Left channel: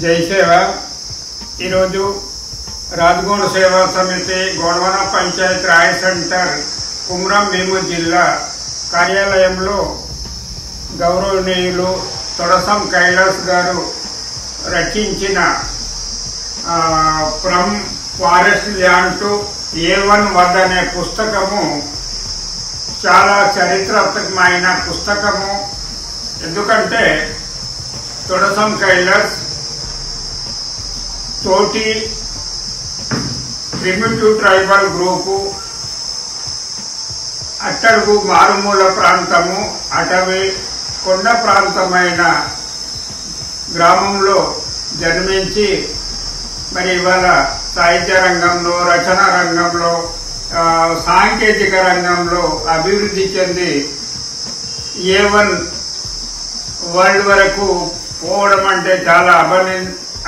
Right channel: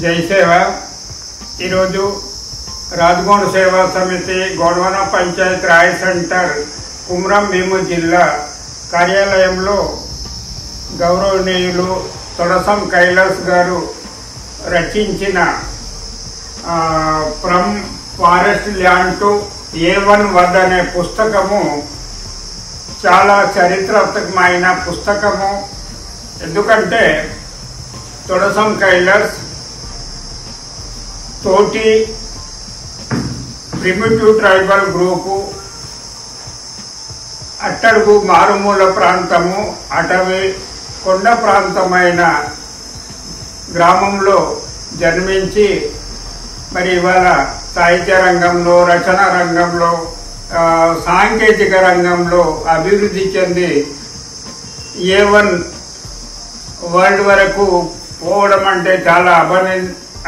జై సేవ ఈరోజు రాజగోండ సేవా సమితి గోడవన పంచాయత్ రాయ్ సెంటర్ కుమ్రం భీము జిల్లా కార్యాలయంలో గౌరవనీయులు తొడసం కైలాస్ గారు రచించిన from forest land to A1 word అనే పుస్తకము చాలా చరిత్రాత్మకమైన పుస్తకము. ఎందుకంటే తొడసం కైలాస్ తోటి ప్రిమిటివ్ ట్రైబల్ గ్రూపు అట్టడుగు మారుమూల ప్రాంతము అటవీ కొండ ప్రాంతమైన గ్రామంలో జన్మించి మరి ఇవాళ సాహిత్య రంగంలో రచన రంగంలో సాంకేతిక రంగంలో అభివృద్ధి చెంది A1 వరల్డ్ వరకు పోవడం అంటే చాలా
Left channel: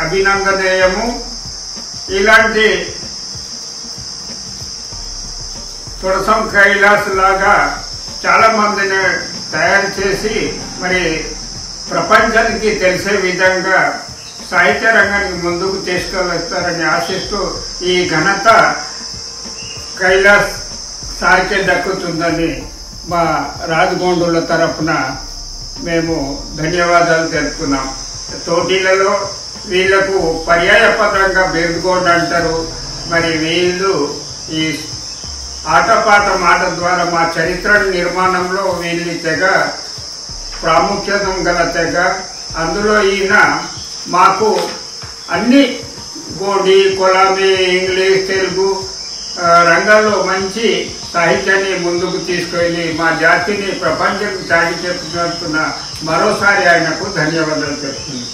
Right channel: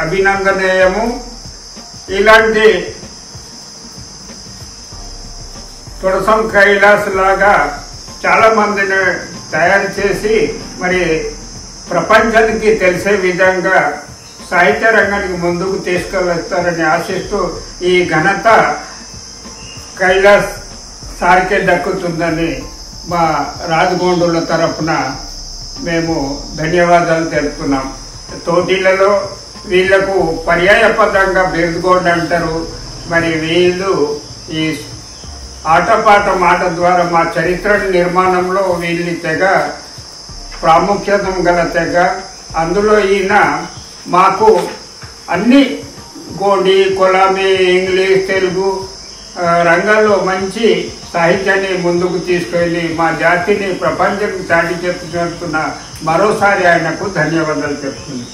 అభినందనీయము. ఇలాంటి తొడసం కైలాస్ లాగా చాలా మందిని తయారు చేసి మరి ప్రపంచానికి తెలిసే విధంగా సాహిత్య రంగానికి ముందుకు తీసుకువస్తారని ఆశిస్తూ ఈ ఘనత కైలాస్ సార్కే దక్కుతుందని మా రాజగోండుల తరఫున మేము ధన్యవాదాలు తెలుపుతున్నాం. తోటీలలో వీళ్లకు పర్యాయపదంగా బెందుగోడ్ అంటారు. మరి వీళ్ళు ఈ ఆటపాట మాట ద్వారా మా చరిత్ర నిర్మాణంలో వీళ్ళ తెగ ప్రాముఖ్యత గల తెగ. అందులో ఈయన మాకు అన్ని గోండి కొలామి ఇంగ్లీష్ తెలుగు రంగాల్లో మంచి సాహిత్యాన్ని ముందుకు తీసుకెళ్లి మా జాతిని ప్రపంచానికి చాటి చెప్తున్న మరోసారి ఆయనకు ధన్యవాదాలు చెప్తున్నాను.